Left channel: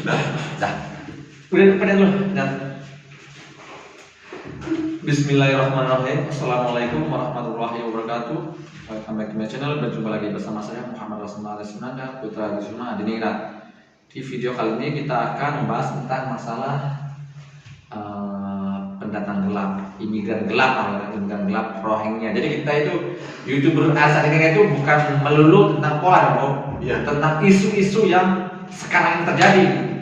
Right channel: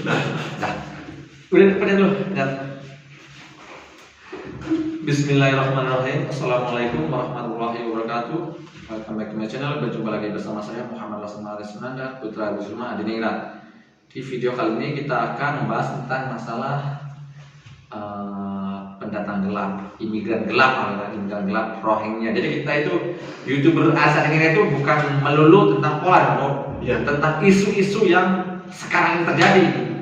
Dah. Udah pada dulu. Bismillahirrahmanirrahim. Assalamualaikum warahmatullahi wabarakatuh. Welcome back to my channel. Berjumpa lagi bersama saya Muhammad Laksana Sunanda, Putra Gusuma Adiningrat. Di video kali ini kita akan membahas tentang masalah pendatang gelap, imigran gelap, Rohingya. Jadi kita itu YouTuber asal Indonesia itu bukan melulu tentang pola, ya, tentang isu-isu yang sekarang terjadi.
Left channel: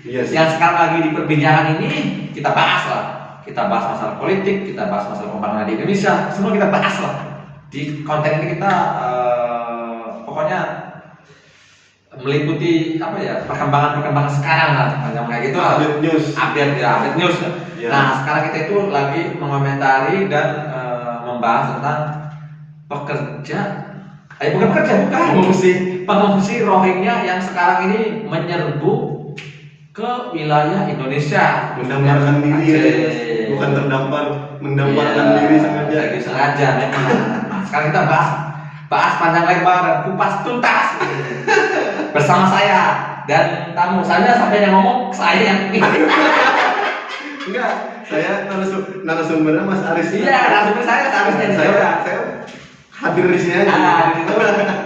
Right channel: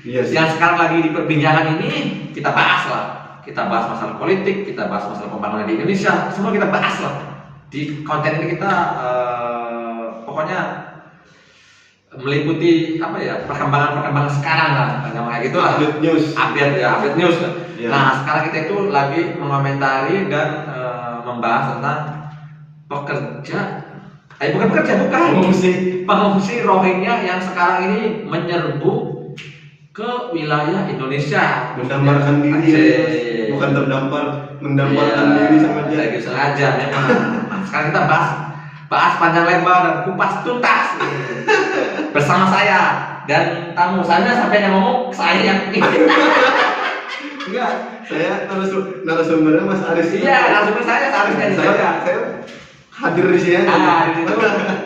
Yes. Yang sekarang lagi diperbincangan ini kita bahas lah. Kita bahas masalah politik, kita bahas masalah pembangunan di Indonesia, semua kita bahas lah. Di konten ini kita pokoknya meliputi perkembangan sekarang lah, kayak gitulah. Update news. Ya. Nah, sekarang kita itu lagi mengomentari dan membahas tentang pengungsi Rohingya yang sekarang ini menyerbu ke wilayah Indonesia, mendamparkan diri, bukan mendamparkan diri sengaja memang. Sekarang kita bahas panjang lebar dan kupas tuntas bersama saya dan tamu saya sampai yang ngomong saya yang enggak, saya narasumbernya Mas Aris. Iya, narasumber saya harusnya saya hadir di sini aja.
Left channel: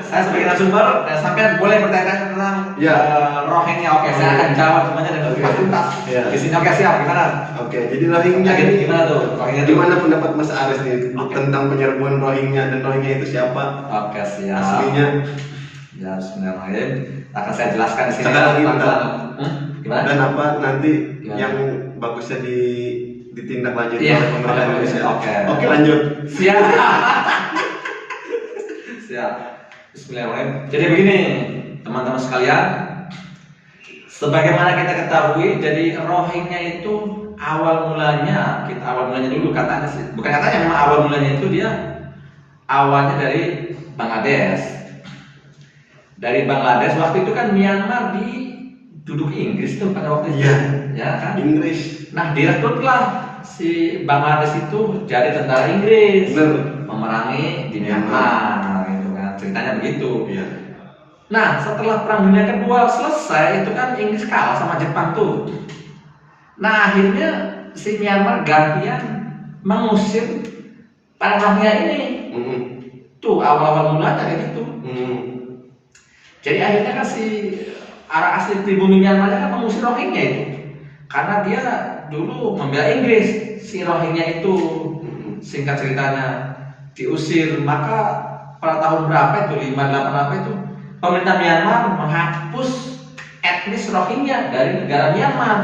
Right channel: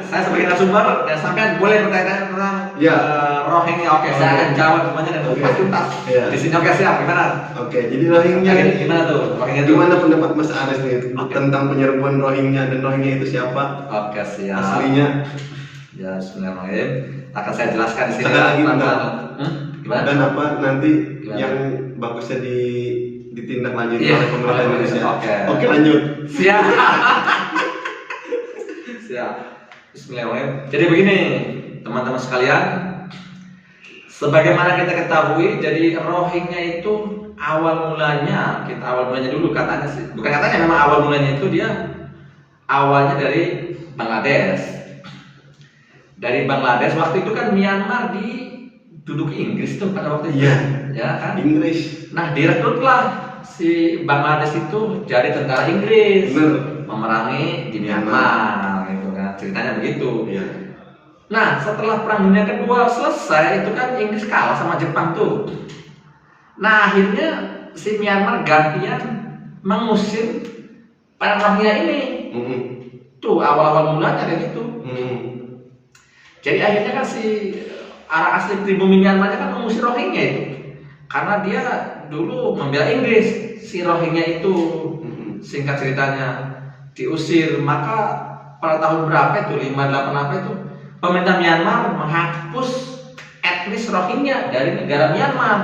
Saya sebagai narasumber dan sampai boleh bertanya tentang Rohingya. Oke, saya akan jawab semuanya dengan tuntas. Di sini oke, siap. Gimana? Oke, jadi Rohingya ini gimana tuh? Gimana pendapat Mas Aris nih tentang penyerbuan Rohingya dan Rohingya itu siapa? Oke, siap. Aslinya? Ya, Bismillahirrahmanirrahim. Akan saya jelaskan di sini. Gimana? Dan apa nanti yang bagusnya ditindaklanjuti oleh pemerintah Indonesia? Oke, lanjut. Siap. Siap. Bismillahirrahmanirrahim. Jadi begini, teman-teman sekalian, sebagaimana kita ketahui, jadi Rohingya itu awal mulanya dulu katanya sih, bukan katanya, memang awal mulanya itu dia awalnya dari Bangladesh. Dari Bangladesh waktu itu kan Myanmar diduduki Inggris tuh pada waktu itu, ya kan? Inggris. Nah, direkrutlah si Bangladesh itu jadi tentara Inggris, memerangi di Myanmar, gitu kan? Ceritanya begitu. Iya. Nah, setelah Perang Dunia Kedua selesai, itu kan Inggris kalah sama Jepang tuh. Nah, akhirnya si Myanmar gantian mengusir para Rohingya ini. Tuh awal-awal mulanya kayak gitu. Jadi akhirnya kan si arah asli pribumi Myanmar kan mengusir Rohingya itu, karena dia dulu membela Inggris. Si Rohingya itu singkat ceritanya diusir, maka pada tahun berapa itu 58 apa itu pemerintah Myanmar menghapus etnis Rohingya dari negara Myanmar.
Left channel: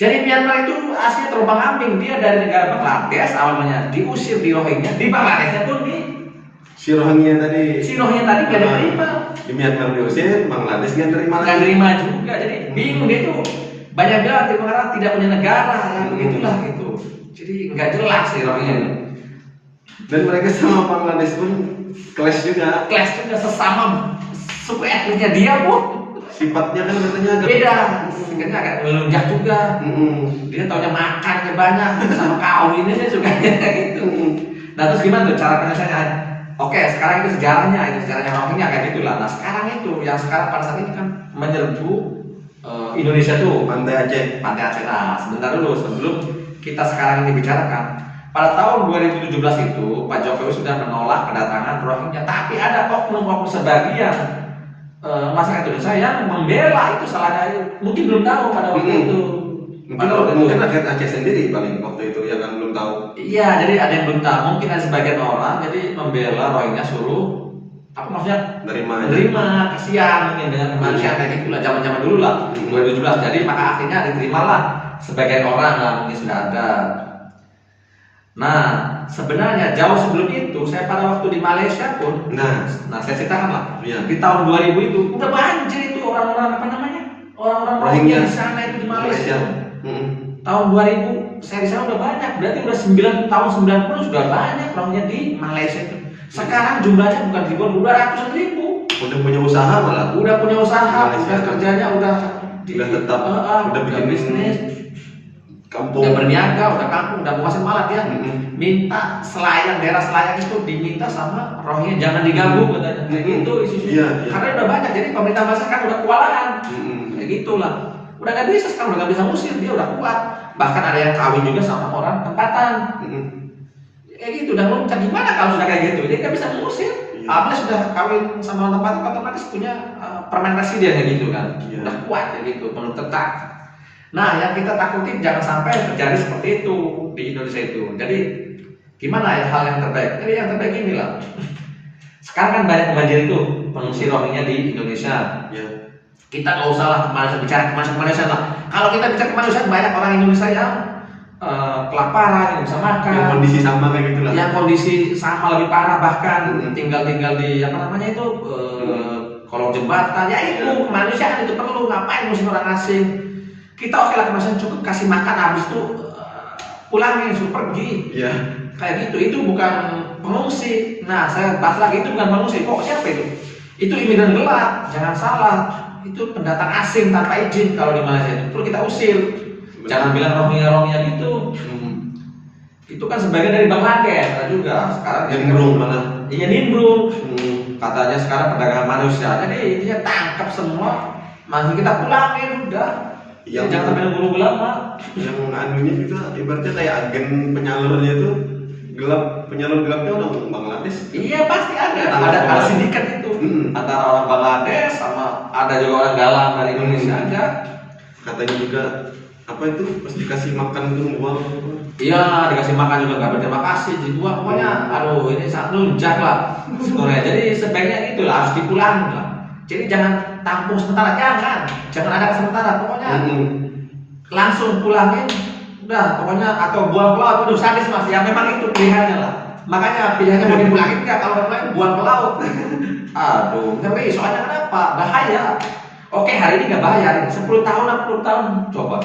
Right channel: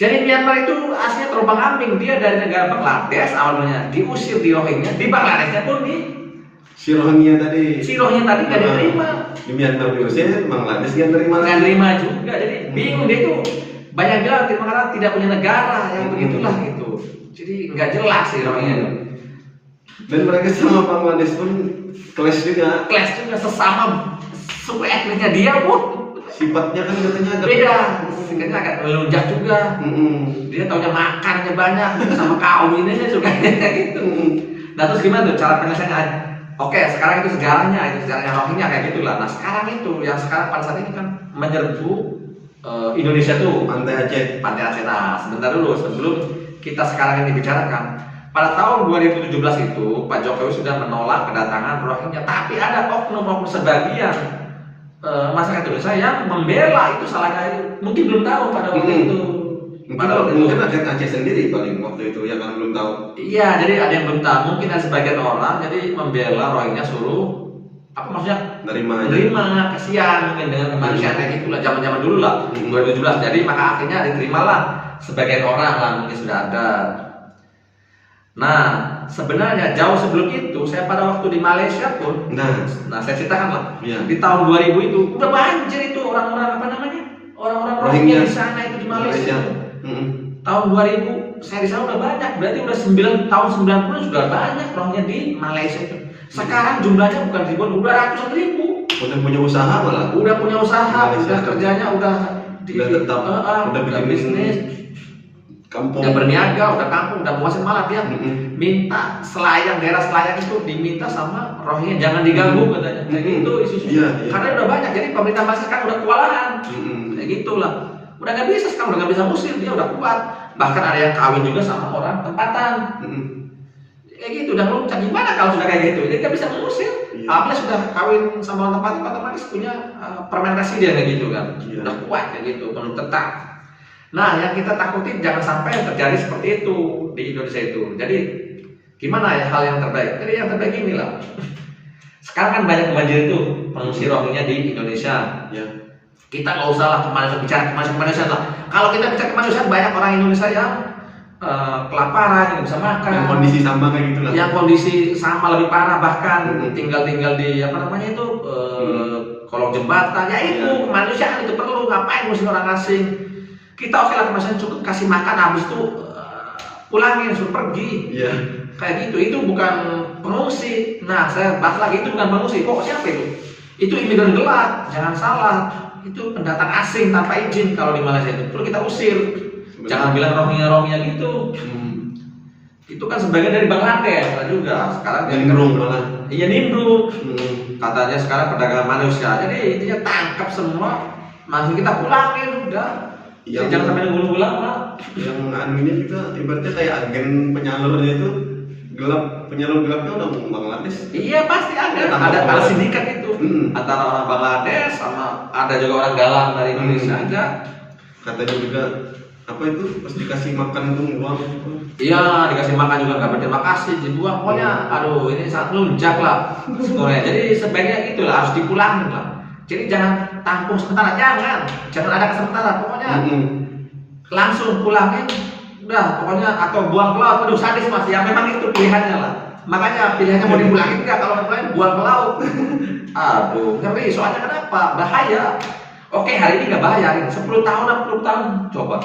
Jadi Myanmar itu aslinya terombang-ambing, dia dari negara Bangladesh awalnya diusir di Rohingya, di Bangladeshnya pun si Rohingya tadi gak diterima. Di Myanmar diusir, Bangladesh gak terima juga. Jadi bingung dia tuh, banyak dia karena tidak punya negara yang begitulah gitu. Jadi nggak jelas sih Rohingya. Dan mereka sama Bangladesh pun clash juga sesama suku etnisnya dia pun. Sifatnya kan katanya agak beda, singkatnya agak melunjak juga. Dia taunya makannya banyak sama kaum ini juga gitu. Nah, terus gimana tuh cara penyelesaiannya? Oke, sekarang itu sejarahnya Rohingya kayak gitulah. Nah, sekarang itu yang sekarang pada saat ini kan menyerbu Indonesia tuh Pantai Aceh. Nah, sebentar dulu sebelum kita sekarang ini bicarakan. Pada tahun 2017 itu Pak Jokowi sudah menolak kedatangan Rohingya, tapi ada oknum-oknum sebagian masyarakat Indonesia yang membela itu. Salahnya mungkin belum tahu pada waktu itu. Mungkin rakyat Aceh sendiri paling waktu itu ya kan belum tahu. Iya, jadi ada yang belum tahu. Mungkin ada sebagian orang jadi membela Rohingya, suruh apa maksudnya? Nerima, kasihan mungkin dengan kemanusiaan kayak gitulah, zaman-zaman dulu lah 2017. Jadi maka akhirnya diterimalah sebagian orang lah, mungkin sudah ada. Nah, sebenarnya jauh sebelum itu saya pada waktu di Malaysia pun, nah saya ceritakan lah, di tahun 2000 itu udah banjir itu orang-orang orang-orang Rohingya di sana itu di Malaysia. Tahun 2000 saya di sana udah banyak, berarti udah tahun 90 sudah banyak Rohingya di Malaysia itu. Sekarang jumlahnya bukan ribuan, udah ratusan ribu. Udah punya usaha malah. Udah punya usaha, udah kerjanya udah tetap, udah bikin bisnis. Kampung. Udah berniaga, udah kampung, udah puasin, malah dia minta daerah selayang itu diminta sama Rohingya jangan diganggu katanya. Kayak gitu isu-isu. Karena udah banyak, jadi pemerintah Malaysia kan udah kewalahan. kayak gitulah. Udah nggak bisa sekarang, udah nggak bisa ngusir, dia udah kuat. Bahkan ada yang kawin juga sama orang tempatan. Kayak gitu, udah loncat. Gimana kalau sudah kayak gitu? Dia nggak bisa mengusir. Apalagi sudah kawin sama orang tempatan, otomatis punya permen residen kayak gitu kan. Udah kuat kayak gitu, penuh tetap. Nah, yang kita takutin jangan sampai terjadi seperti itu di Indonesia itu. Jadi gimana ya hal yang terbaik? Jadi yang terbaik inilah. Sekarang kan banyak banjir itu pengungsi Rohingya di Indonesia. Kita nggak usah lah bicara kemanusiaan lah. Kalau kita bicara kemanusiaan, banyak orang Indonesia yang kelaparan, yang bisa makan. Yang kondisi sama kayak gitu lah. Yang kondisi sama lebih parah bahkan tinggal di apa namanya itu kolong jembatan. Ya itu kemanusiaan itu perlu. Ngapain mesti orang asing? Kita oke lah kemanusiaan cukup kasih makan, habis itu pulangin, suruh pergi. Kayak gitu. Itu bukan pengungsi. Nah, saya bahas lagi itu bukan pengungsi. Pokoknya apa itu? Itu imigran gelap. Jangan salah. Itu pendatang asing tanpa izin kalau di Malaysia itu perlu kita usir. Jangan bilang Rohingya gitu. Itu kan sebagian dari Bangladesh ada juga. Sekarang nimbrung malah. Iya nimbrung. Katanya sekarang perdagangan manusia. Jadi intinya tangkap semua, masih kita pulangin udah. Jangan sampai nunggu lama. Yang ini juga ibaratnya kayak agen penyalurnya itu gelap, penyalur gelapnya orang Bangladesh. Iya pasti ada sindikat itu antara orang Bangladesh sama ada juga orang galang dari Indonesia ada. Katanya juga apa itu pas dikasih makan itu buang. Iya dikasih makan juga nggak berterima kasih dibuang. Pokoknya aduh ini sangat lunjak lah sebenarnya. Jadi sebaiknya itulah harus dipulangin lah. Jadi jangan tampung sementara, jangan ada sementara. Pokoknya langsung pulangin. Udah, pokoknya atau buang ke laut, aduh sadis mas, ya memang itu pilihannya lah. Makanya pilihannya mau dipulangin enggak, kalau dipulangin buang ke laut. Aduh, tapi soalnya kenapa? Bahaya. Oke, hari ini nggak bahaya, 10 tahun, 60 tahun, coba.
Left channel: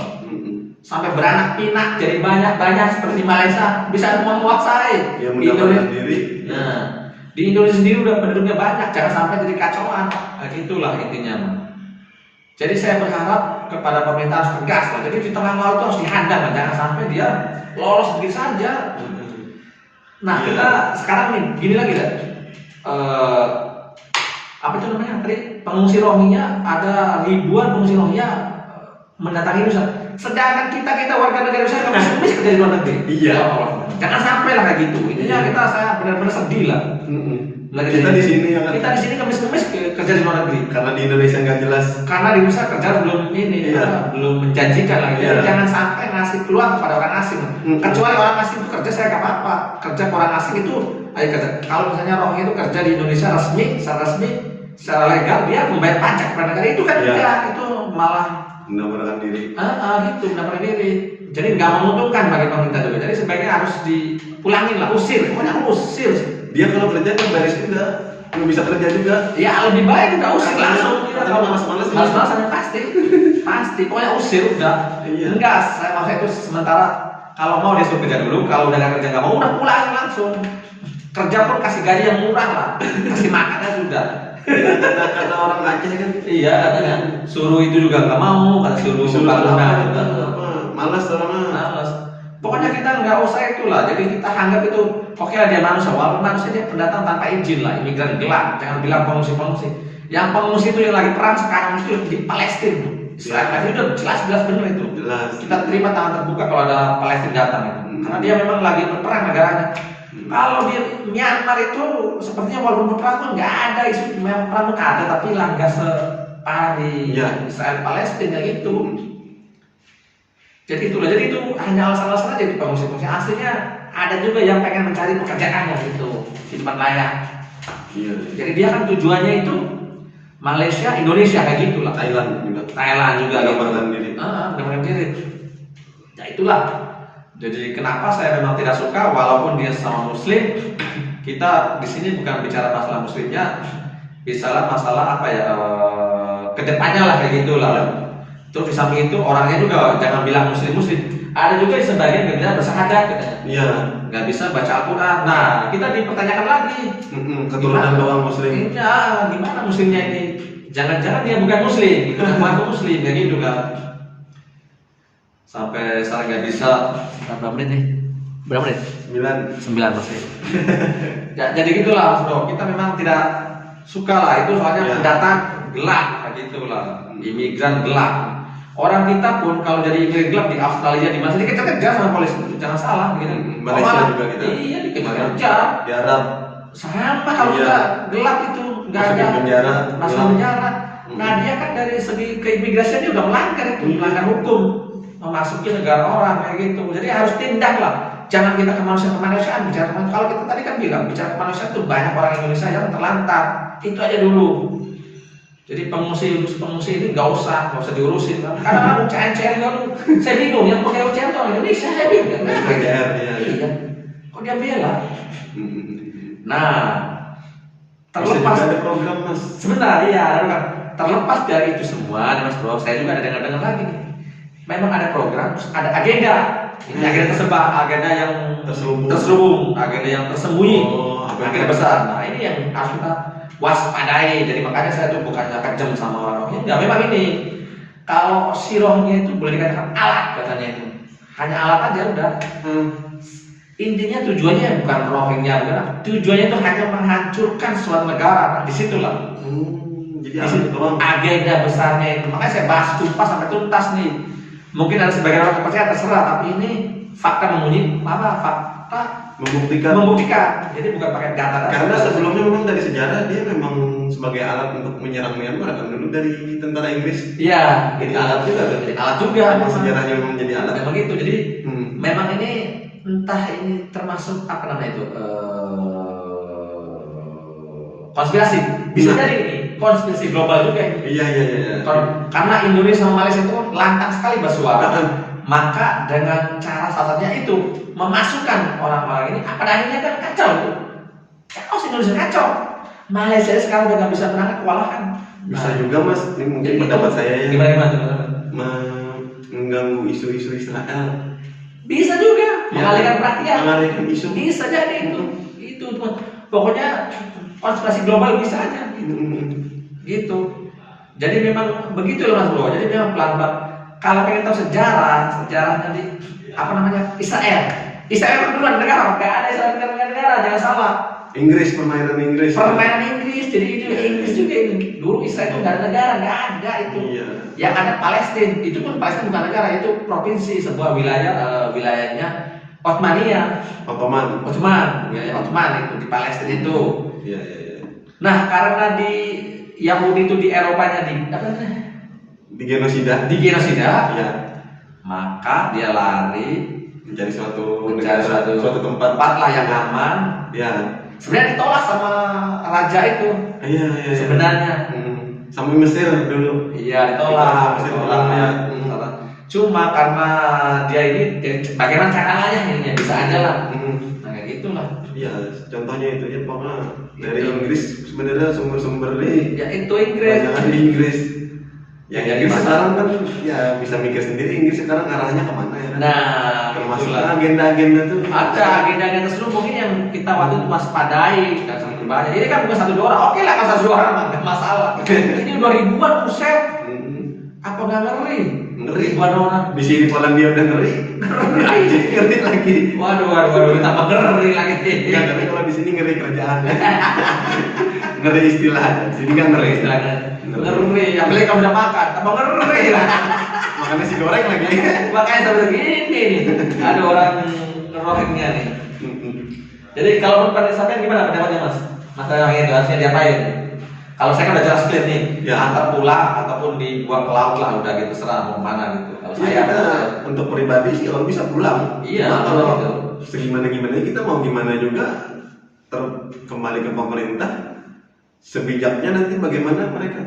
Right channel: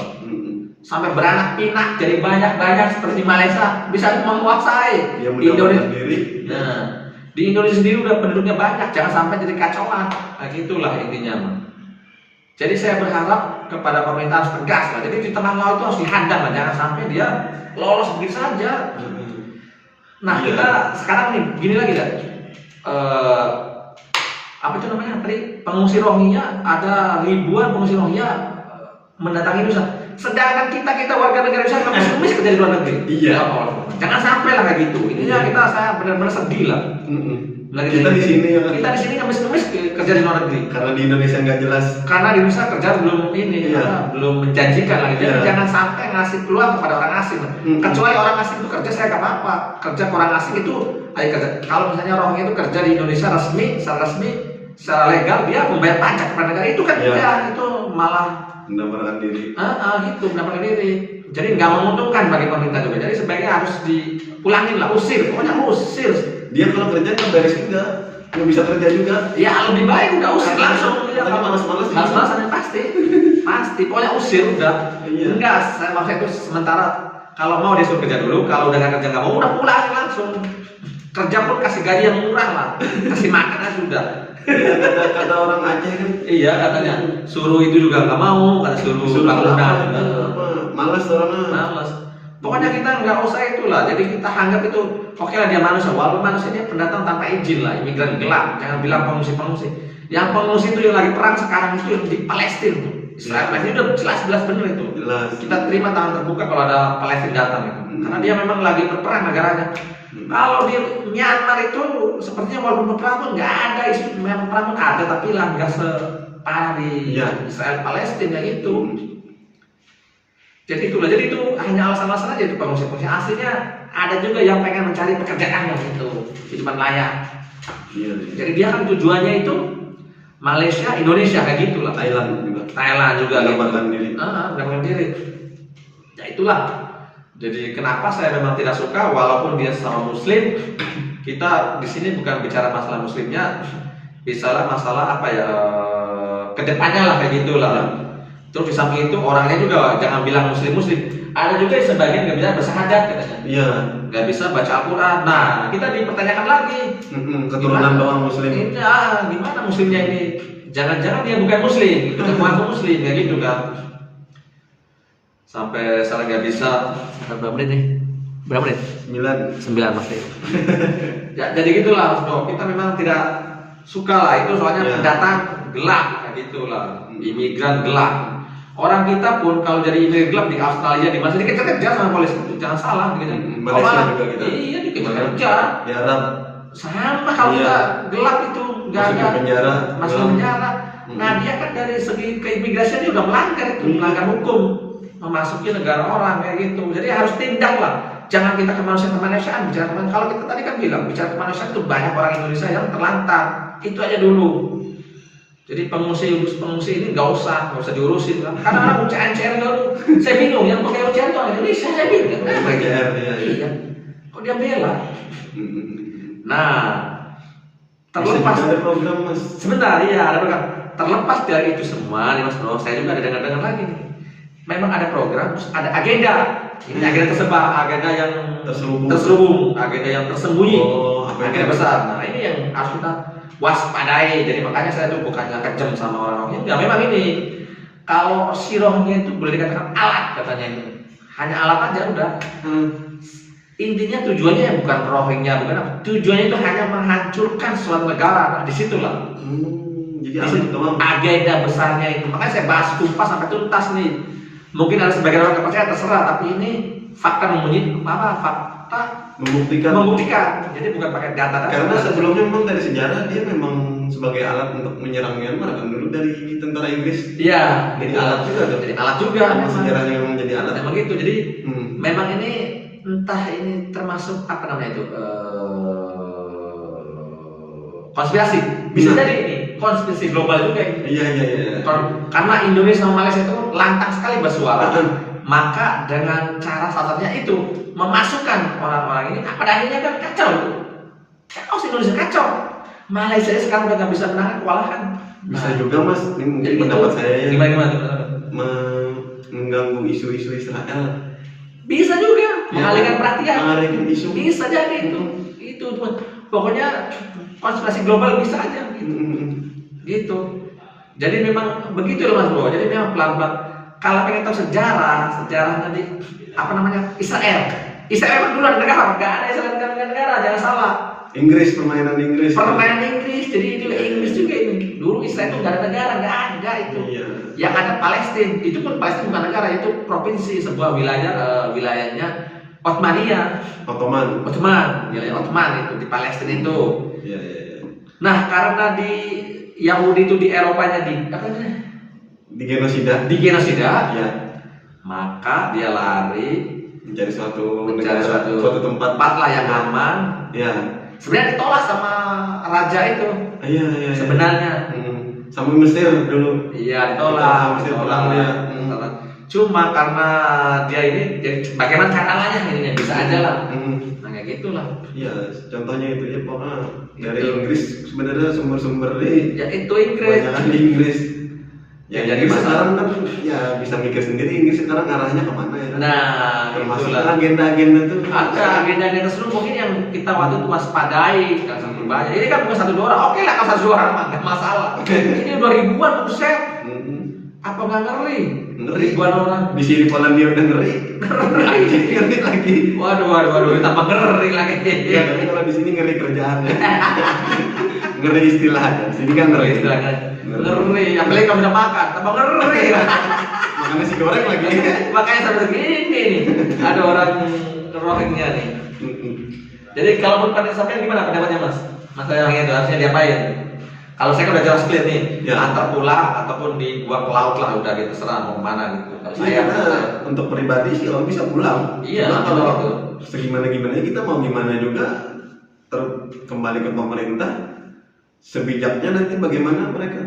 Sampai beranak pinak, jadi banyak seperti di Malaysia, bisa menguasai. Ya, di Indonesia sendiri. Nah, di Indonesia sendiri udah penduduknya banyak, jangan sampai jadi kacauan. Nah, gitulah intinya, Mas. Jadi saya berharap kepada pemerintah harus tegas lah. Jadi di tengah laut itu harus dihadang lah, jangan sampai dia lolos begitu saja. Nah kita sekarang nih gini lagi dah. Apa itu namanya tadi pengungsi Rohingya, ada ribuan pengungsi Rohingya mendatangi Indonesia. Sedangkan kita warga negara Indonesia nggak bisa kerja di luar negeri. Jangan sampai lah kayak gitu. Intinya saya benar-benar sedih lah. Kita di sini ngemis-ngemis kerja di luar negeri. Karena di Indonesia nggak jelas. Karena di Indonesia kerja belum menjanjikan lagi. Jangan sampai ngasih peluang kepada orang asing. Kecuali orang asing itu kerja saya nggak apa-apa. Kerja ke orang asing itu, ayo kerja. Kalau misalnya Rohingya itu kerja di Indonesia secara resmi, secara legal dia membayar pajak kepada negara itu kan itu malah mendapatkan diri. Gitu mendapatkan diri. Jadi nggak menguntungkan bagi pemerintah juga. Jadi sebaiknya harus dipulangin lah, usir. Pokoknya usir. Dia kalau kerja kan beres juga, nggak bisa kerja juga. Ya lebih baik udah usir langsung. Kalau malas-malas pasti. Pokoknya usir udah. Enggak, saya maksudnya itu sementara. Kalau mau dia suruh kerja dulu, kalau udah nggak kerja nggak mau, udah pulang langsung. Kerja pun kasih gaji yang murah lah, kasih makannya sudah. Kata orang Aceh kan. Iya katanya. Suruh itu juga nggak mau, kata suruh malas orangnya. Malas. Pokoknya kita nggak usah itulah. Jadi kita anggap itu oke lah dia manusia. Walaupun manusianya pendatang tanpa izin lah, imigran gelap. Jangan bilang pengungsi. Yang pengungsi itu yang lagi perang sekarang itu di Palestina. Israel itu udah jelas benar itu. Kita terima tangan terbuka kalau ada Palestina datang itu. Karena dia memang lagi berperang negaranya. Kalau di Myanmar itu sepertinya walaupun berperang pun nggak ada isu perang ada, tapi lah nggak separah di Israel Palestina itu. Jadi itulah, jadi itu hanya alasan-alasan aja itu pengungsi-pengungsi. Aslinya ada juga yang pengen mencari pekerjaan yang itu hidupan layak. Jadi dia kan tujuannya itu Malaysia, Indonesia kayak gitulah. Thailand juga. Gambarkan diri. Ya itulah. Jadi kenapa saya memang tidak suka walaupun dia sama Muslim, kita di sini bukan bicara masalah Muslimnya, bicara masalah apa ya kedepannya lah kayak gitulah. Terus di samping itu orangnya juga jangan bilang muslim. Ada juga sebagian nggak bisa bersyahadat katanya. Nggak bisa baca Al-Quran. Nah kita dipertanyakan lagi. Keturunan doang muslim. Iya, gimana muslimnya ini? Jangan-jangan dia bukan muslim, bukan muslim kayak gitu kan. Sampai saya nggak bisa. Berapa menit nih? Berapa menit? 9 pasti. Jadi gitulah, kita memang tidak suka lah itu soalnya pendatang gelap kayak gitulah. Imigran gelap. Orang kita pun kalau jadi imigran gelap di Australia di mana dikejar-kejar sama polisi itu jangan salah gitu. Malaysia juga kita. Iya dikejar-kejar. Di Arab sama kalau nggak gelap itu nggak ada penjara. Masuk penjara. Nah dia kan dari segi keimigrasian juga melanggar itu, melanggar hukum, memasuki negara orang kayak gitu. Jadi harus tindak lah. Jangan kita kemanusiaan bicara kemanusiaan. Kalau kita tadi kan bilang bicara kemanusiaan itu banyak orang Indonesia yang terlantar. Itu aja dulu. Jadi pengungsi ini nggak usah diurusin kan. Karena UCR dulu. Saya bingung yang pakai UCR itu orang Indonesia saya bingung. UCR iya. Kok dia bela? Nah, terlepas ada program mas. Sebentar ya ada program. Terlepas dari itu semua, nih Mas Bro, saya juga ada dengar lagi nih. Memang ada program, ada agenda. Ini agenda tersebar, agenda yang terselubung, agenda yang tersembunyi, agenda besar. Nah ini yang harus kita waspadai. Jadi makanya saya tuh bukannya kejam sama orang Rohingya. Memang ini, kalau si Rohingya itu boleh dikatakan alat katanya itu, hanya alat aja udah. Intinya tujuannya bukan Rohingya, bukan. Tujuannya itu hanya menghancurkan suatu negara. Nah, disitulah. Jadi agenda besarnya itu. Makanya saya bahas tuntas sampai tuntas nih. Mungkin ada sebagian orang yang percaya terserah, tapi ini fakta fakta membuktikan. Jadi bukan pakai data. Karena sebelumnya memang dari sejarah dia memang sebagai alat untuk menyerang Myanmar kan dulu dari tentara Inggris. Iya. Jadi alat juga tuh. Jadi alat juga. Sejarahnya memang jadi alat. Memang gitu. Jadi memang ini entah ini termasuk apa namanya itu konspirasi. Bisa jadi ini konspirasi global juga ini. Iya. Karena Indonesia sama Malaysia itu lantang sekali bersuara. Maka dengan cara salah satunya itu memasukkan orang-orang ini pada akhirnya kan kacau tuh. Chaos Indonesia kacau. Malaysia sekarang udah nggak bisa menahan kewalahan. Bisa juga mas, ini mungkin pendapat saya ya. Gimana? Mengganggu isu-isu Israel. Bisa juga mengalihkan perhatian. Mengalihkan isu. Bisa jadi itu pokoknya konspirasi global bisa aja gitu. Jadi memang begitu loh Mas Bro. Jadi memang pelan-pelan. Kalau pengen tahu sejarah tadi apa namanya Israel kan duluan negara, nggak ada Israel negara, jangan salah. Permainan Inggris. Jadi itu Inggris juga ini. Dulu Israel itu nggak ada negara, nggak ada itu. Iya. Yang ada Palestina, itu pun Palestina bukan negara, itu provinsi, sebuah wilayahnya Ottoman, wilayah Ottoman itu di Palestina itu. Iya. Nah karena di Yahudi itu di Eropanya di genosida, ya. Maka dia lari mencari suatu tempat lah yang aman. Ya. Sebenarnya ditolak sama raja itu. Iya. Sebenarnya. Sama Mesir dulu. Iya, ditolak. Mesir Cuma karena dia ini, bagaimana caranya ini bisa aja lah. Nah kayak gitulah. Iya, contohnya itu ya pokoknya dari Inggris sebenarnya sumber-sumber nih. Ya itu Inggris. Banyak di Inggris. Ya Inggris sekarang kan ya bisa mikir sendiri Inggris sekarang arahnya kemana ya kan? Nah, termasuk agenda-agenda tuh. Ada agenda-agenda tersebut mungkin yang kita waktu itu waspadai kan sampai banyak. Ini kan bukan 1-2 orang. Oke lah kalau 1-2 orang nggak masalah. Ini 2000-an buset. Apa nggak ngeri? Ribuan orang. Di sini Polandia udah ngeri lagi. Waduh, tambah ngeri lagi. Ya tapi kalau di sini ngeri kerjaannya. Ngeri istilahnya. Sini kan ngeri istilahnya. Ngeri, apalagi kamu bisa makan, tambah ngeri. Makannya si goreng lagi. Makanya sampai begini nih. Ada orang Rohingya nih. Jadi kalau menurut sampean gimana pendapatnya Mas? Masalah yang itu harusnya diapain? Kalau saya kan udah jelas clear nih, ya antar pulang ataupun dibuang ke laut lah, udah gitu terserah mau kemana gitu. Kalau saya untuk pribadi sih kalau bisa pulang. Iya. Kalau gitu. Segimana kita mau gimana juga kembali ke pemerintah. Sebijaknya nanti bagaimana mereka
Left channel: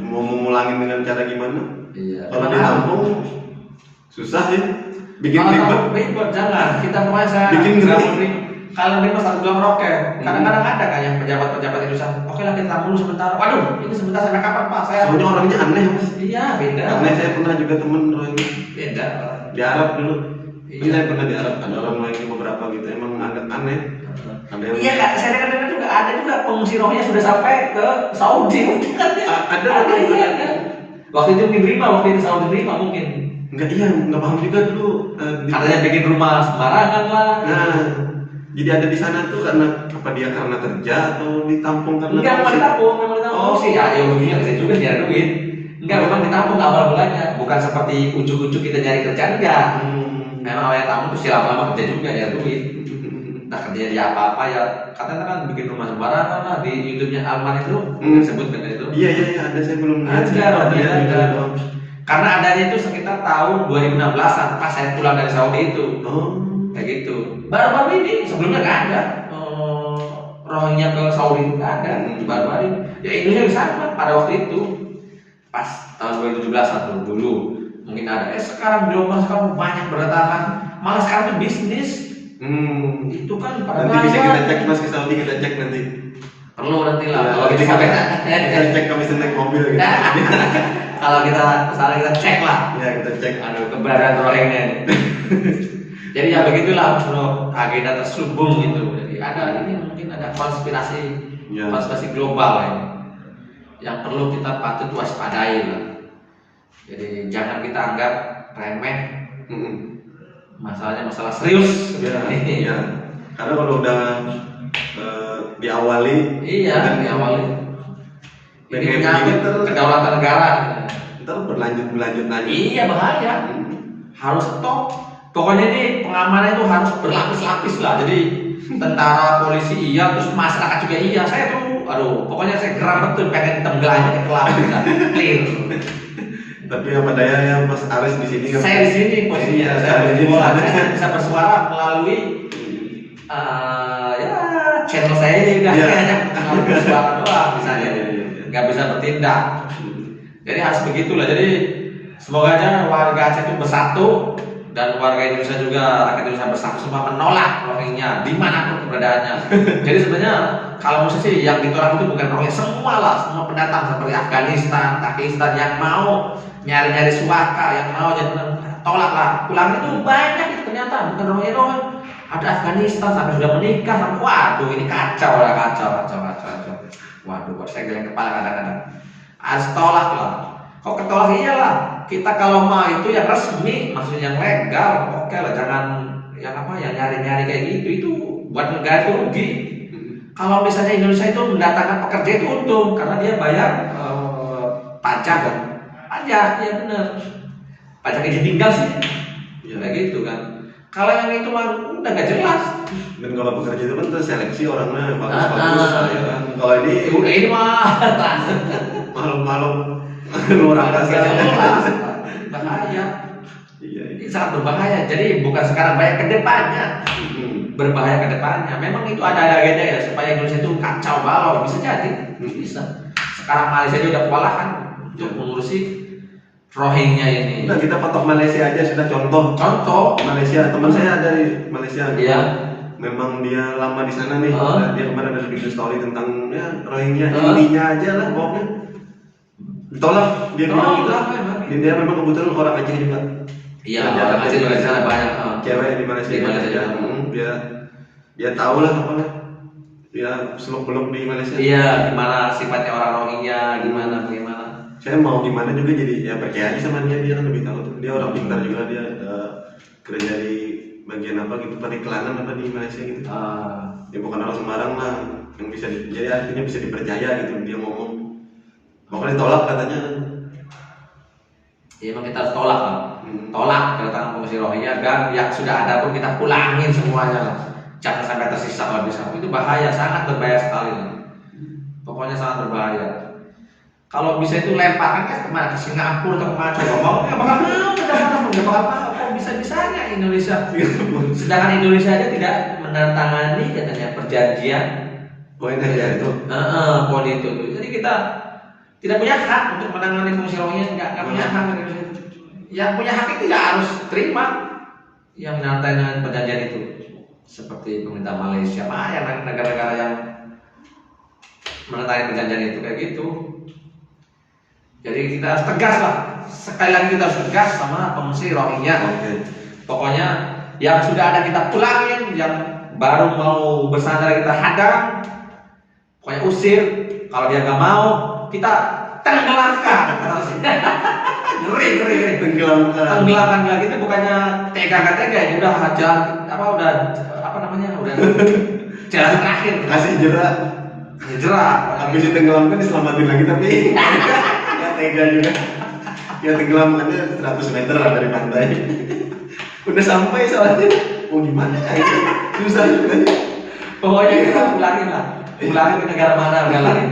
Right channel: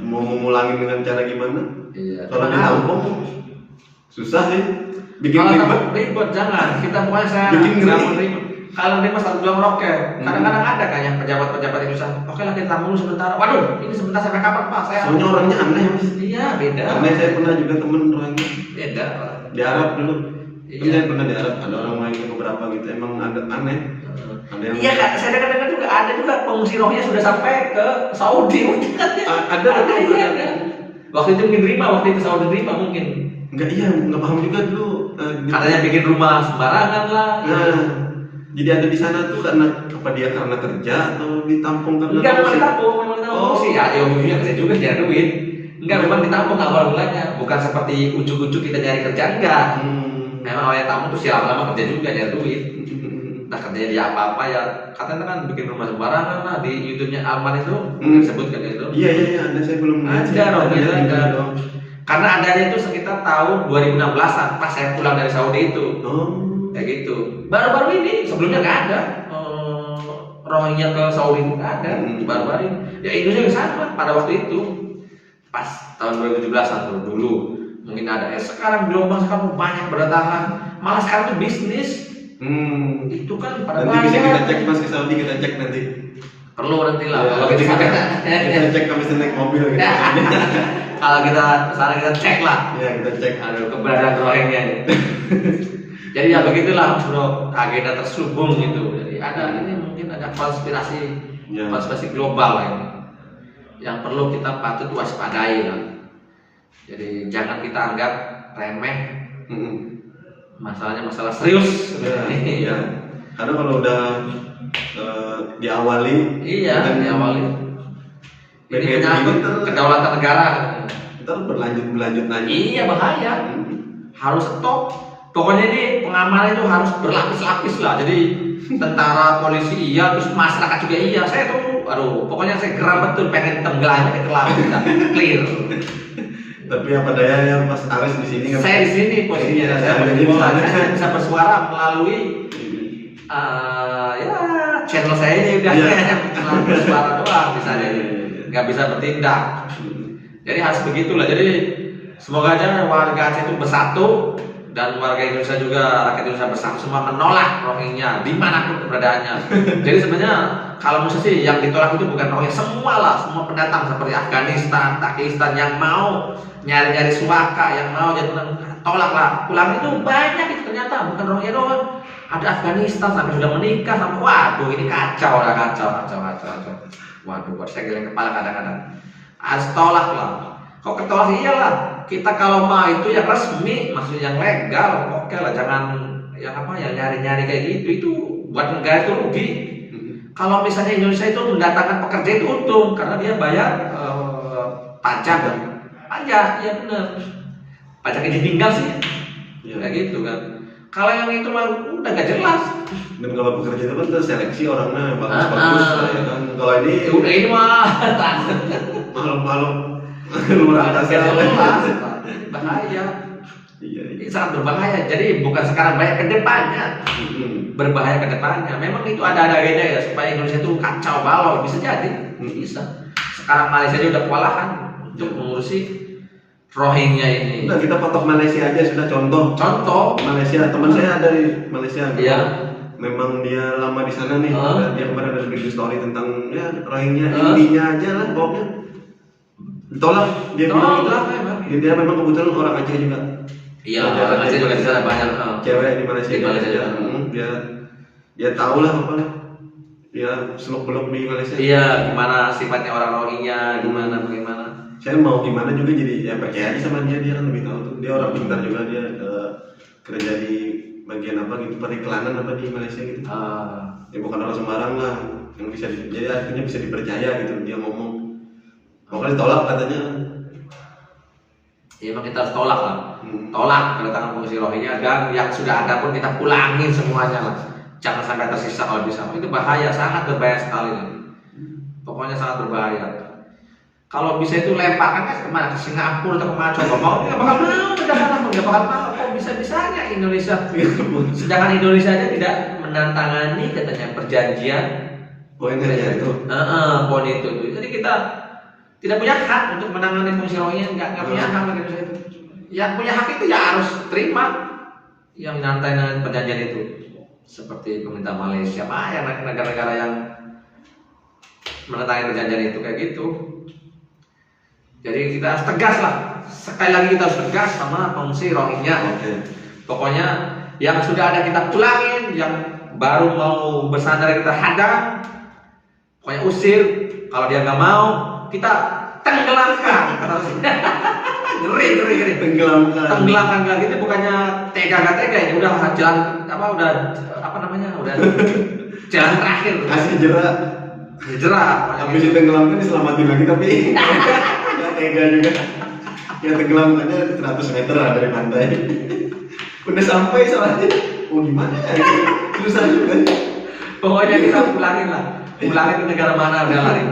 mau memulangin dengan cara gimana? Iya. Kalau ditampung susah ya, bikin ribet jangan. Kita pokoknya saya bikin ngeri. Kalau nerima 1 bulan roket, kadang-kadang ada kan yang pejabat-pejabat itu oke lah kita tamu sebentar. Waduh, ini sebentar sampai kapan Pak? Soalnya orangnya aneh Mas. Iya beda. Karena saya pernah juga temen Rohingya. Beda. Di Arab dulu. Iya. Saya pernah di Arab ada orang Rohingya beberapa gitu emang agak aneh. Iya kak, saya dengar juga ada juga pengungsi Rohingya sudah sampai ke Saudi mungkin kan ya. Ada. Waktu itu mungkin terima, waktu itu Saudi terima mungkin. Nggak paham juga dulu. Katanya bikin rumah sembarangan lah. Nah, jadi ada di sana tuh karena dia karena kerja atau ditampung karena enggak, memang ditampung sih. ya ujungnya kerja juga nyari duit. Enggak, memang ditampung awal mulanya, bukan seperti ujuk-ujuk kita nyari kerja, enggak. Memang awalnya tamu tuh lama-lama kerja juga nyari duit. Nah kerjanya dia apa-apa ya, katanya kan bikin rumah sembarangan lah di YouTube-nya Alman itu disebutkan itu. Iya ada, saya belum ada. Karena adanya itu sekitar tahun 2016an pas saya pulang dari Saudi itu. Kayak gitu. Baru-baru ini sebelumnya nggak ada. Rohingya ke Saudi itu nggak ada. Baru-baru ini. Ya Indonesia sama pada waktu itu. Pas tahun 2017 atau dulu mungkin ada. Sekarang gelombang sekarang banyak berdatangan. Malah sekarang itu bisnis. Itu kan pada nanti bisa kita cek Mas ke Saudi, kita cek nanti. Perlu nanti lah. Ya, kalau kita cek kami naik mobil gitu. Kalau misalnya kita cek lah. Ya kita cek. Aduh keberadaan Rohingya nih. Jadi ya begitulah bro, agenda terselubung gitu. Jadi ada ini mungkin ada konspirasi global lah ini. Yang perlu kita patut waspadai lah. Jadi jangan kita anggap remeh. Masalahnya masalah serius. Ya. Karena kalau udah diawali. Iya, diawali. Ini menyangkut kedaulatan negara. Ntar berlanjut lagi. Iya bahaya. Harus stop. Pokoknya ini pengamanan itu harus berlapis-lapis lah. Jadi tentara, polisi iya, terus masyarakat juga iya. Saya tuh, pokoknya saya geram betul pengen tenggelamnya ke laut, clear. Tapi apa daya Mas Aris di sini? Saya di sini posisinya. Saya bisa bersuara melalui channel saya ini udah hanya melalui bersuara doang misalnya. Nggak bisa bertindak. Jadi harus begitulah. Jadi semoga aja warga Aceh itu bersatu dan warga Indonesia juga, rakyat Indonesia bersatu semua menolak Rohingya dimanapun keberadaannya. Jadi sebenarnya kalau mesti sih yang ditolak itu bukan Rohingya, semua pendatang seperti Afghanistan, Pakistan yang mau nyari-nyari suaka, yang mau jadi tolaklah. Pulang itu banyak itu ternyata bukan Rohingya doang. Ada Afghanistan sampai sudah menikah sampai waduh ini kacau. Waduh, buat saya geleng kepala kadang-kadang. Harus tolak lah. Kok ketolak iyalah. Kita kalau mau itu yang resmi, maksudnya yang legal, oke lah. Jangan yang nyari-nyari kayak gitu. Itu buat negara itu rugi. Kalau misalnya Indonesia itu mendatangkan pekerja itu untung karena dia bayar pajak, ya benar. Pajak izin tinggal sih, kayak gitu kan. Kalau yang itu mah udah gak jelas. Dan kalau bekerja itu kan terseleksi orangnya bagus-bagus ya kan. Kalau ini mah makhluk luar angkasa. Bahaya. Iya. Ini sangat berbahaya. Jadi bukan sekarang banyak ke depannya. Berbahaya ke depannya. Memang itu ada agenda ya supaya Indonesia itu kacau balau, bisa jadi. Bisa. Sekarang Malaysia juga udah kewalahan untuk mengurusi Rohingya ini. Nah, kita patok Malaysia aja sudah contoh. Malaysia, teman saya dari Malaysia. Iya. Memang dia lama di sana nih. Dia kemarin ada bikin story tentang Rohingya, intinya aja lah pokoknya. Ditolak, dia bilang gitu. Dia memang kebetulan orang Aceh juga. Iya, orang Aceh juga di sana banyak. Cewek di Malaysia. Dia tahu lah apa lah. Dia seluk-beluk di Malaysia. Iya, gimana sifatnya orang Rohingya, bagaimana. Saya mau gimana juga jadi ya percaya aja sama dia kan lebih tahu tuh. Dia orang pintar juga, dia kerja di bagian apa gitu, periklanan apa di Malaysia gitu. Dia bukan orang sembarang lah yang bisa jadi artinya bisa dipercaya gitu. Dia ngomong pokoknya tolak katanya. Ya emang kita harus tolak lah. Tolak kedatangan pengungsi Rohingya dan yang sudah ada pun kita pulangin semuanya lah. Jangan sampai tersisa kalau bisa. Itu bahaya, sangat berbahaya sekali. Pokoknya sangat berbahaya. Kalau bisa itu lemparkan kemana? Ke Singapura atau kemana? Coba mau nggak bakal mau, nggak bakal mau. Kok bisa-bisanya Indonesia? Sedangkan Indonesia aja tidak menantangani katanya perjanjian. Poin aja itu. Poin itu. Jadi kita tidak punya hak untuk menangani fungsi Rohingya, nggak punya hak Indonesia itu. Yang punya hak itu ya harus terima yang menantangani perjanjian itu. Seperti pemerintah Malaysia, yang negara-negara yang menantangani perjanjian itu kayak gitu. Jadi kita harus tegas lah. Sekali lagi kita harus tegas sama pengungsi Rohingya. Pokoknya yang sudah ada kita pulangin, yang baru mau bersandar kita hadang. Pokoknya usir. Kalau dia nggak mau, kita tenggelamkan. Ngeri. Tenggelamkan lagi itu bukannya tega ya. Udah jalan udah jalan terakhir. Kasih jerak. Hijrah. Habis ditenggelamkan diselamatin lagi tapi nggak tega juga. Ya tenggelamkannya 100 meter lah dari pantai. Udah sampai soalnya. Oh gimana ya? Susah juga. Pokoknya kita pulangin ke negara mana udah lari.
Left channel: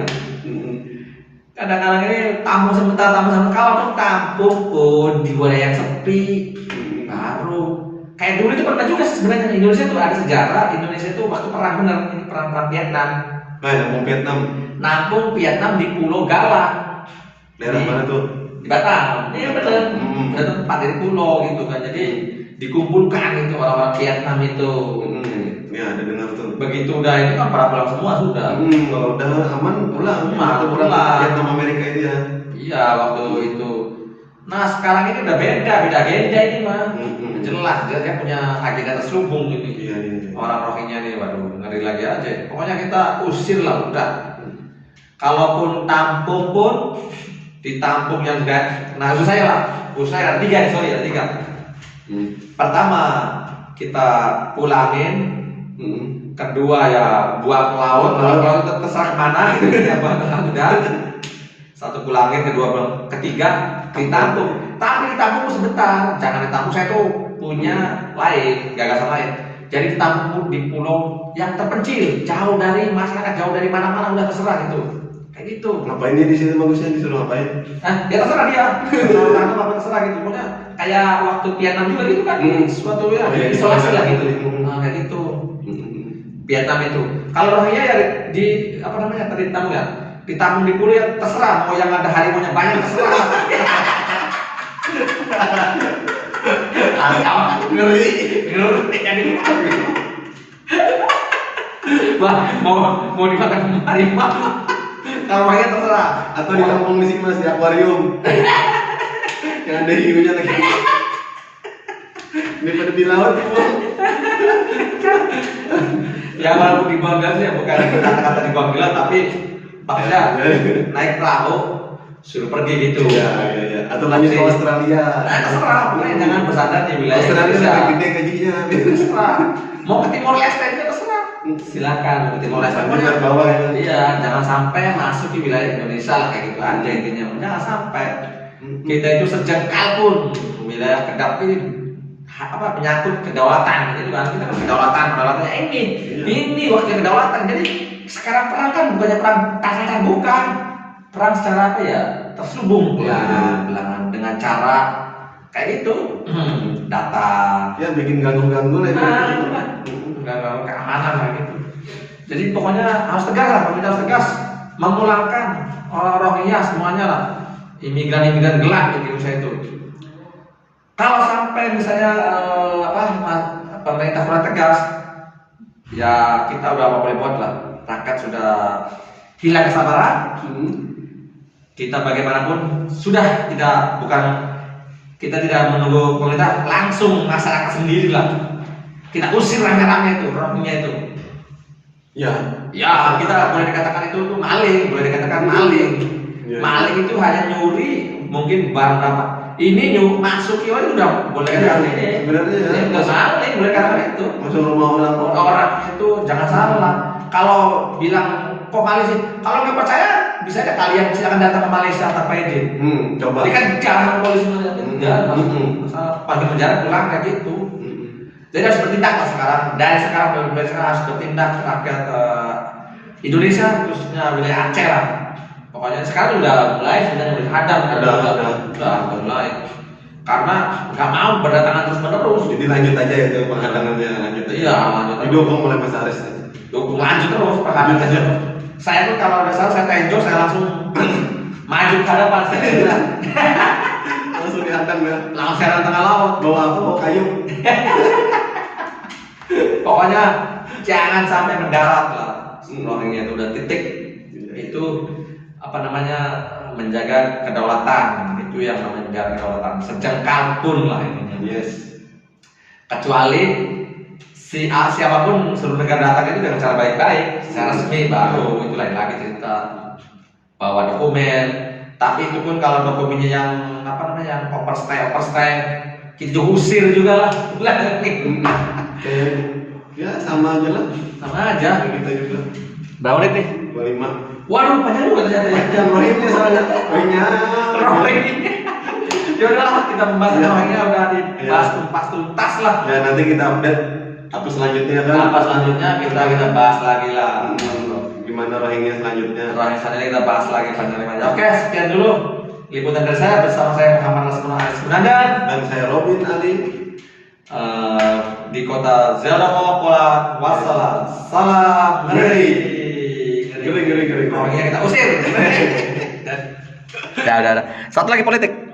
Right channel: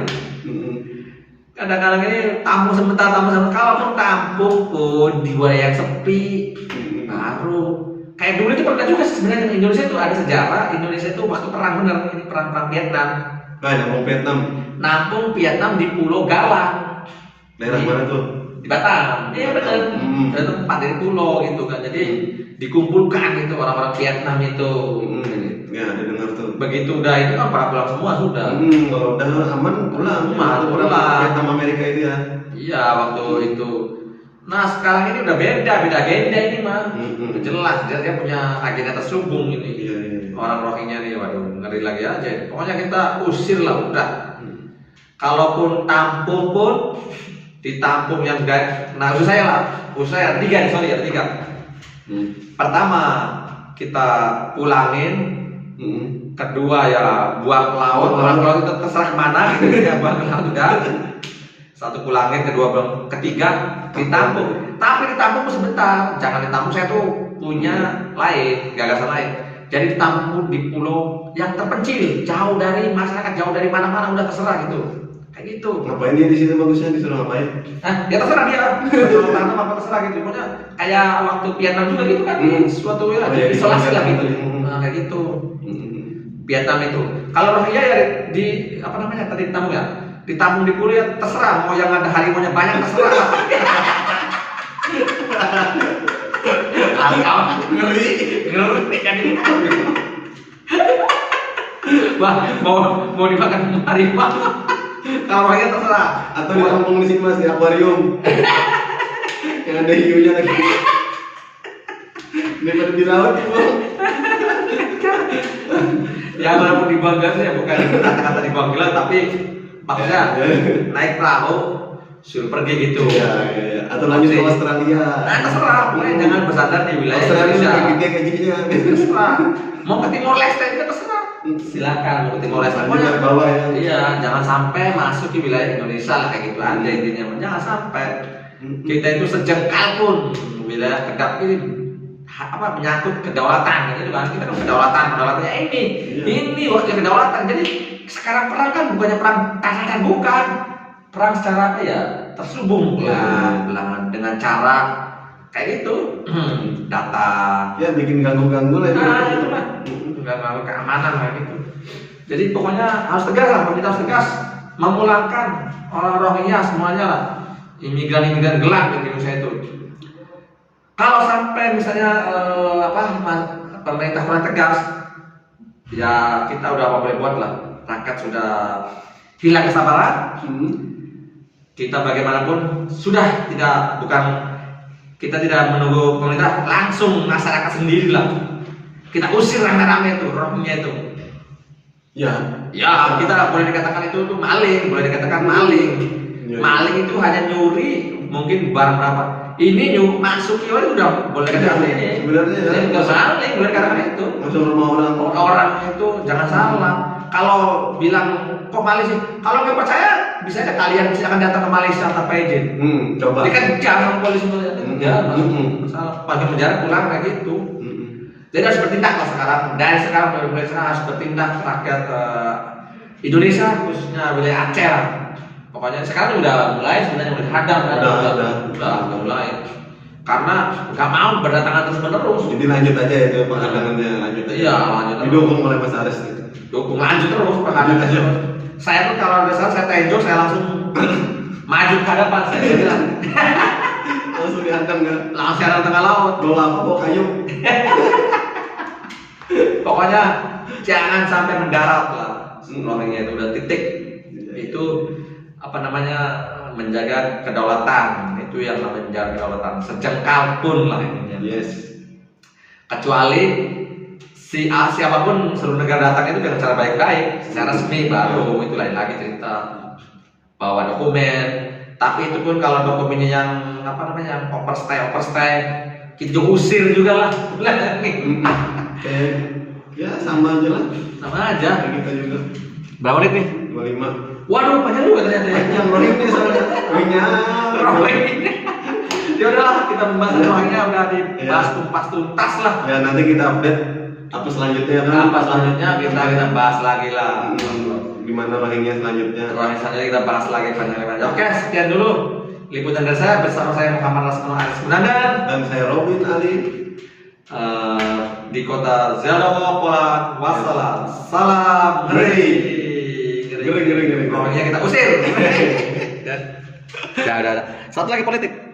Kadang-kadang ini tampung sebentar. Kalaupun tampung pun di wilayah yang sepi, baru kayak dulu itu pernah juga sebenarnya Indonesia itu ada sejarah. Indonesia itu waktu perang bener, ini perang Vietnam. Nampung Vietnam di Pulau Galang. Daerah mana tuh? Di Batam. Iya bener. Itu tempat dari pulau gitu kan. Jadi dikumpulkan itu orang-orang Vietnam itu. Ya ada dengar tuh. Begitu udah itu kan para pulang semua sudah. Kalau udah aman pulang. Pulang. Vietnam Amerika itu ya. Iya waktu itu. Nah sekarang ini udah beda agenda ini mah. Jelas dia punya agenda terselubung ini. Iya. Orang Rohingya nih, waduh ngeri lagi aja. Pokoknya kita usir lah udah. Kalaupun tampung pun ditampung yang enggak. Nah usaha saya lah. Usaha ada tiga. Pertama kita pulangin. Kedua ya buang ke laut itu terserah kemana gitu ya udah. Satu pulangin, kedua buang, ketiga ditampung. Tapi ditampung sebentar, jangan ditampung. Saya tuh punya gagasan lain. Jadi ditampung di pulau yang terpencil, jauh dari masyarakat, jauh dari mana-mana, udah terserah gitu. Kayak gitu. Ngapain dia di sini bagusnya disuruh ngapain? Ya terserah dia. Apa terserah gitu. Pokoknya kayak waktu Vietnam juga gitu kan, suatu ya isolasi lah gitu. Nah, kayak gitu. Vietnam itu. Kalau Rohingya ya di apa namanya tadi ditampung ya? Ditampung di pulau ya terserah. Mau yang ada harimaunya banyak terserah. Ngeri jadi. Wah, mau dimakan harimau. Kalau Rohingya terserah. Atau ditampung di sini Mas di akuarium. Yang ada hiunya lagi. Daripada di laut ya walaupun di Bangga sih ya bukan kata-kata di Bangga tapi maksudnya naik perahu suruh pergi gitu. Ya. Atau lanjut ke Australia. Nah terserah, jangan bersandar di wilayah Australia Indonesia. lebih gede gajinya. Terserah. Mau ke Timor Leste juga terserah. Silakan mau ke Timor Leste. Pokoknya bawah ya. Iya, jangan sampai masuk di wilayah Indonesia lah kayak gitu aja intinya. Jangan sampai kita itu sejengkal pun wilayah kedap ini menyangkut kedaulatan gitu kan. Kita kan kedaulatannya ini waktu kedaulatan. Jadi sekarang perang kan bukannya perang tangan bukan, perang secara apa ya terselubung belahan dengan cara kayak gitu data ya bikin ganggu lah itu. Itu lah ganggu keamanan lah gitu. Jadi pokoknya harus tegas lah, pemerintah harus tegas memulangkan orang Rohingya semuanya lah, imigran gelap di Indonesia itu. Kalau sampai misalnya pemerintah kurang tegas, ya kita udah mau boleh buat lah. Rakyat sudah hilang kesabaran. Kita bagaimanapun sudah kita tidak menunggu pemerintah, langsung masyarakat sendiri lah. Kita usir rame-rame itu Rohingya itu. Ya kita boleh dikatakan itu maling, Maling itu hanya nyuri mungkin barang berapa. Ini masuk itu udah boleh katakan ini. Sebenarnya nggak maling, boleh katakan itu. Masuk rumah orang itu jangan salah. Kalau bilang kok maling sih, kalau nggak percaya bisa aja kalian silakan datang ke Malaysia tanpa izin. Coba. Ini kan jangan polisi enggak masalah. Pagi penjara pulang kayak gitu. Jadi harus bertindak lah sekarang. Dari sekarang pemerintah harus bertindak rakyat Indonesia khususnya wilayah Aceh lah. Pokoknya sekarang udah mulai sebenarnya udah mulai. Karena nggak mau berdatangan terus menerus. Jadi lanjut aja itu penghadangannya lanjut aja. Iya lanjut. Didukung oleh Mas Aris. Dukung lanjut terus penghadangan aja. Saya tuh kalau ada salah saya tenjok saya langsung maju ke hadapan saya bilang. Langsung dihadang ya. Langsung siaran tengah laut. Bawa apa? Bawa kayu. Pokoknya jangan sampai mendarat lah. Rohingya itu udah titik. Itu menjaga kedaulatan. Itu yang namanya menjaga kedaulatan. Sejengkal pun lah ininya. Yes. Kecuali siapapun seluruh negara datang itu dengan cara baik-baik, secara resmi baru itu lain lagi cerita. Bawa dokumen. Tapi itu pun kalau dokumennya yang overstay, kita usir juga lah. Ya sama aja lah. Sama aja. Kita juga. Berapa menit nih? 25. Waduh, banyak juga ternyata ya. Yang Rohingya soalnya. Rohingya. Rohingya. Ya udahlah, kita membahas Rohingya udah dibahas tuntas lah. Ya nanti kita update apa selanjutnya kan. Apa selanjutnya kita bahas lagi lah. Gimana Rohingya selanjutnya? Rohingya selanjutnya kita bahas lagi banyak. Oke, sekian dulu liputan dari saya bersama saya Muhammad Rasman Aris Munandar Dan saya Robin Ali. Di kota Zelda Wassalam. Salam ngeri. Ngeri. Rohingya kita usir. Udah. Satu lagi politik.